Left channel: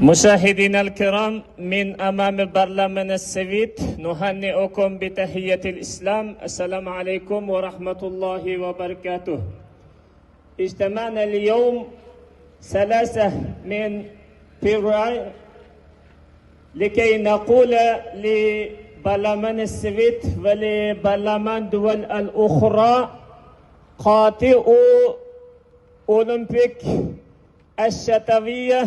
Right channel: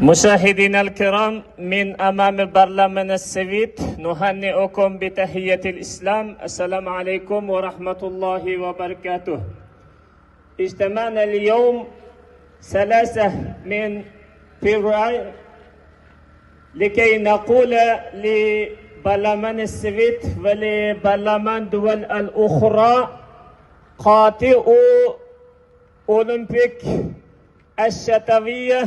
مشاهدينا الكرام، من أمام البرلمان السويد نهنئكم بتحية الإسلام. السلام عليكم ورحمة الله وبركاته. اجتمعنا اليوم 3 من فبراير لكي نقول لبرلمان السويد ولبرلمان دول الأخرى: قاطعوا أولمبيك الشتوية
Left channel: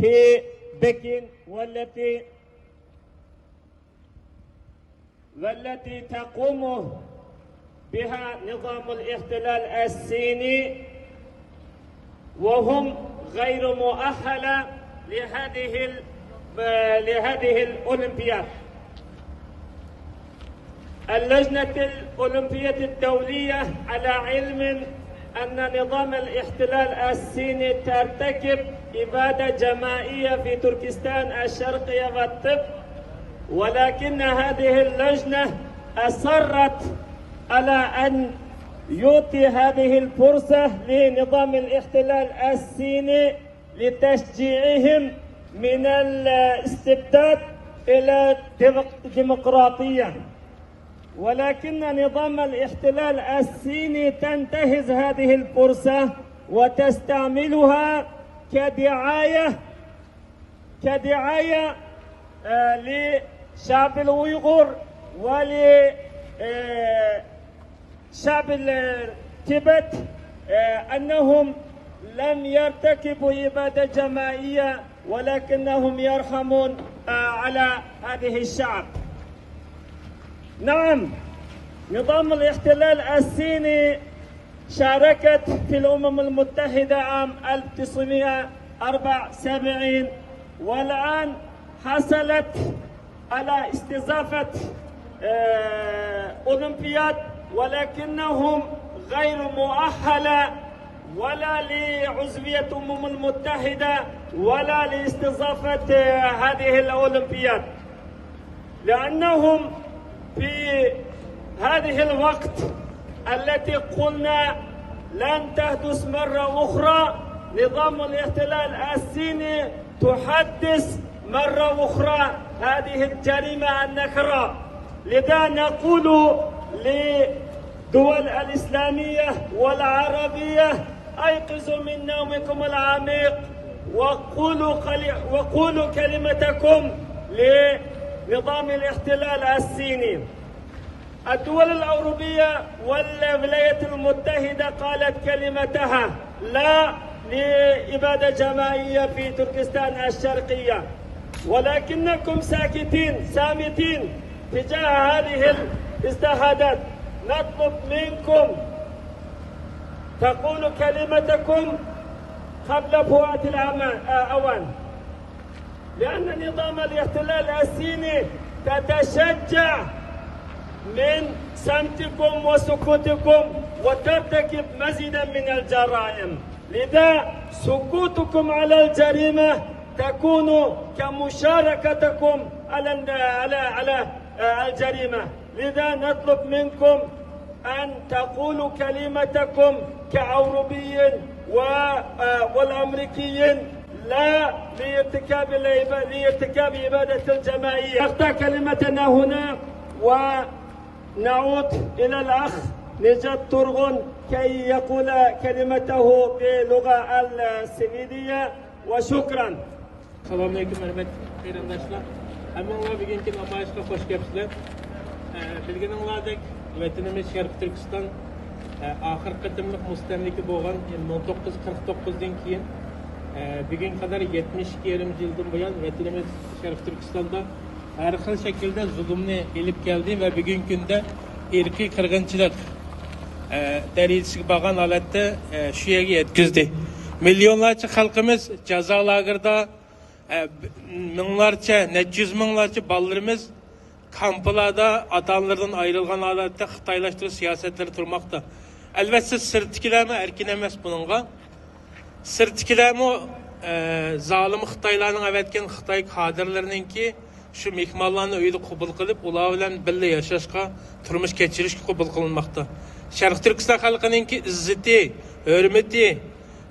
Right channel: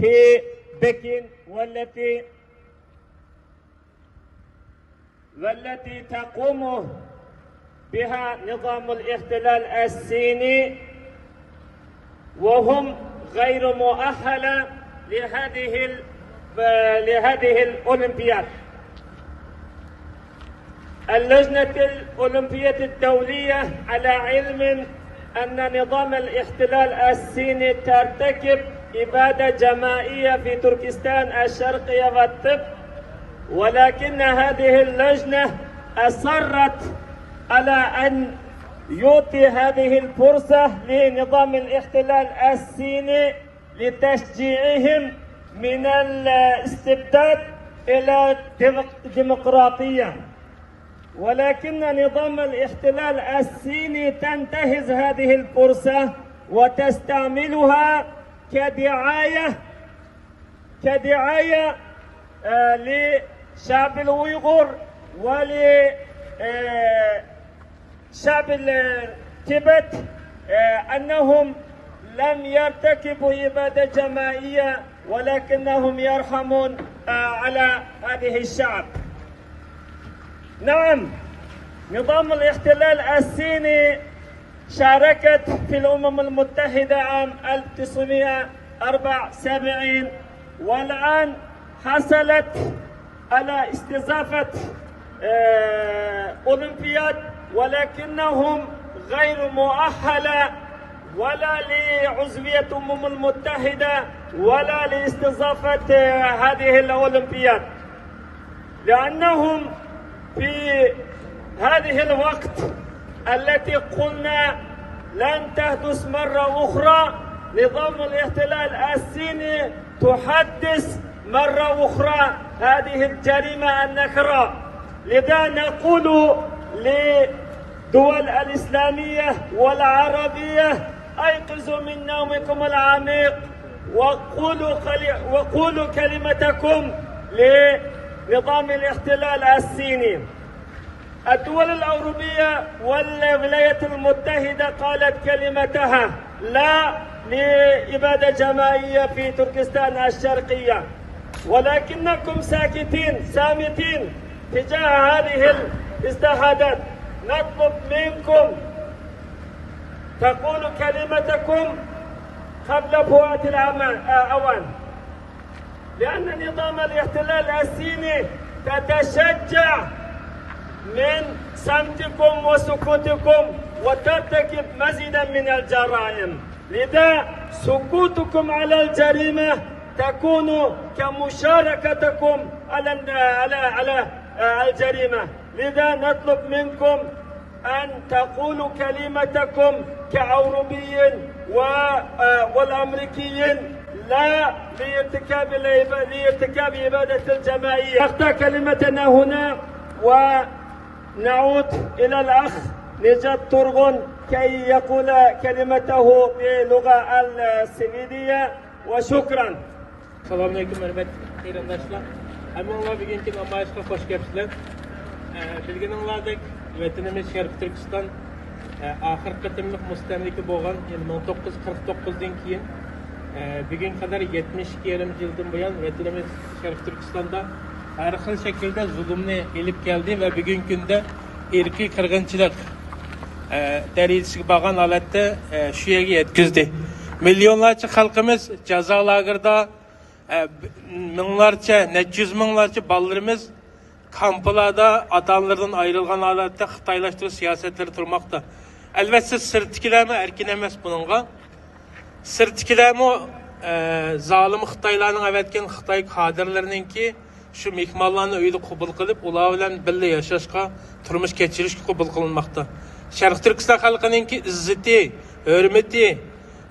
في بكين والتي تقوم بها نظام الاحتلال الصيني، وهم غير مؤهلة لهذه الأولمبياد. اللجنة الأولمبية الدولية على علم أن نظام الاحتلال الصيني ترتكب إبادة جماعية في تركستان الشرقية والطب، ولكن هذه اللجنة أصرت على أن يعطي هذه الفرصة لنظام الاحتلال الصيني لتشجيعهم من الاستبداد إلى الديمقراطية. ولكن نظام الاحتلال الصيني تنتهز هذه الفرصة وتستعملها كدعاية لشعب الأويغور ولشعب التبت أنهم لم يرتكبوا إبادة جماعية، ولكنهم يرحمون على هذه الشعب. نعم، نظام الاحتلال الصيني شاركت في الأمم المتحدة عام 1974، والآن حصلت على استضافة أولمبياد، ولكنهم غير مؤهلة ولا لعضوية الأمم المتحدة ولا لاستضافة هذه الأولمبياد، لأنهم في هذه الوقت التي قلنا لن تحدث مرة أخرى، نظام الاحتلال الصيني تحدث مرة أخرى هذه الجريمة النكراء. لذا نقول للدول الإسلامية والعربية: أيقظوا من نومكم العميق وقولوا كلمتكم لنظام الاحتلال الصيني. الدول الأوروبية والولايات المتحدة قالت كلمتها لا لإبادة جماعية في تركستان الشرقية، ولكنكم صامتين تجاه هذه الاجتهادات. نطلب منكم تقولوا كلمتكم قبل فوات الأوان، لأن نظام الاحتلال الصيني تتشجع من صمتكم وسكوتكم وترتكب مزيدا من الجرائم. لذا سكوتكم على الجريمة تكون كمشاركتكم على الجريمة. لذا نطلب منكم أن تقولوا كلمتكم كأوروبيين والأمريكيين لا لارتكاب إبادة الجماعية. نقطع كلمتنا هنا ونعود إلى الأخ نجات تورغون كي يقول كلمته باللغة السويدية، وشكرا. Assalamu alaikum hörmətli qeyrandaşlar. Həminlar bugünkü namayişə xoş gəlibsizlər. Bilginizlərdək, vətənimiz Şərq Türkistan axırkı qatımlıq müstəmliki bolğan 1949-dan keyin bugün kadar 72 yıldan buyan vətənimiz Şərq Türkistanda hər xil şəkildə zulmni elib gəldi və bugün gündə irqi qırğınçılıq dərəcəsiga bağlan holatda şu yerə yetkizdi. Milyonlarca xalqımız cəza lagerdə, minglarca, neçə yüz minglarca ballarımız kamplarda ata-analardan ayrılgan holatda Xitaylaştırış siyasetleri turmakta. Elbette sırtkilərmi erkin emas bununla. Sırtkilərmi zalim Xitaylarning avatgan Xitoy kadrlarininki şu mehmonlarni uyda qabul qilib, ular bilan birga yashashga, turmush kechirishga qabul qilinmoqda. Sharq Turkiston xalqininki izzati, hurmati,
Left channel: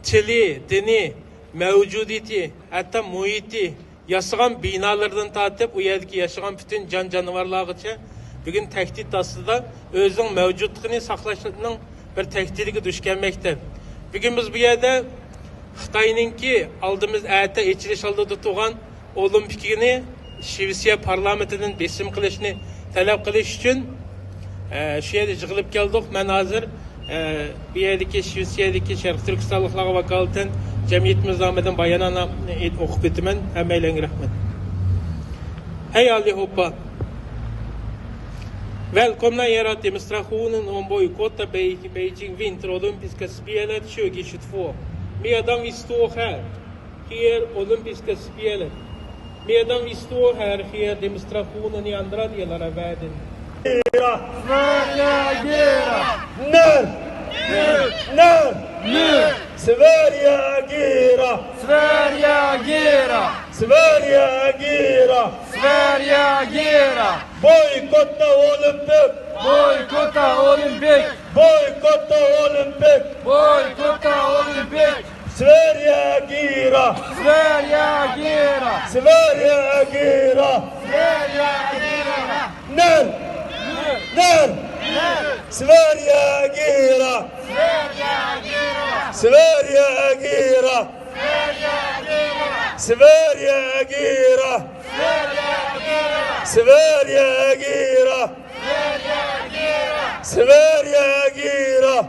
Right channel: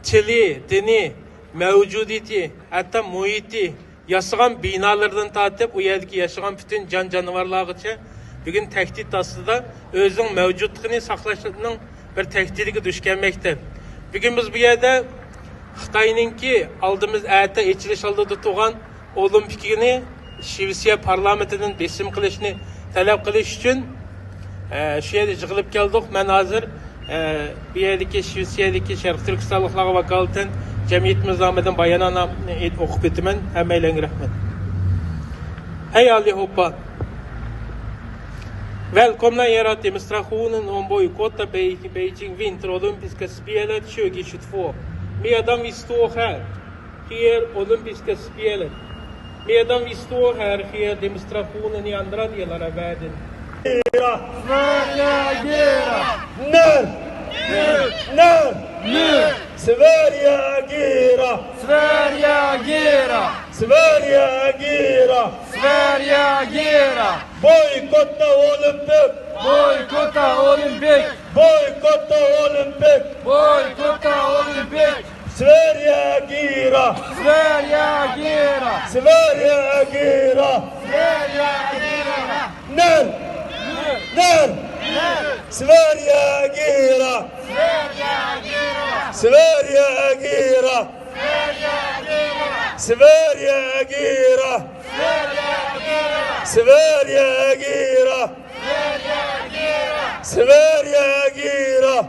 tili, dini mevcudiyeti, hatta muhiti, yaşayan binalardan tatip, o yerdeki yaşayan bütün can canavarlarıca bugün tehdit aslında özün mevcutluğunu saklaştığının bir tehdidiga duş gelmekte. Bugün biz bu yerde Xitayninki aldığımız ayette içiliş aldığı tutuğan olimpikini Şivisiya parlamentinin besim kılışını talep kılış için şu yerde yığılıp geldik. Ben hazır bir yerdeki Şivisiyadaki Şarkı Türkistanlıklara vakaleten cemiyetimiz Ahmet'in bayanına okup bitimen. Hemen rahmet. Hej allihopa! Välkomna er till demonstrationen om bojkott av Beijing vinterolympiska spelet 2022. Medan vi står här sker olympiska spelet. Medan vi står här sker demonstrationen i andra delar av världen. Sverige agera! När? När? Nu! Sverige agera! Sverige agera! Sverige agera! Sverige agera! Bojkotta Olympic! Bojkotta Olympic! Bojkotta Olympic! Bojkotta Olympic! Sverige agera! Sverige agera! Sverige agera! Sverige agera! När? När? Nu! Sverige agera! Sverige agera! Sverige agera! Sverige agera! Sverige agera! Sverige agera! Sverige agera! Sverige agera!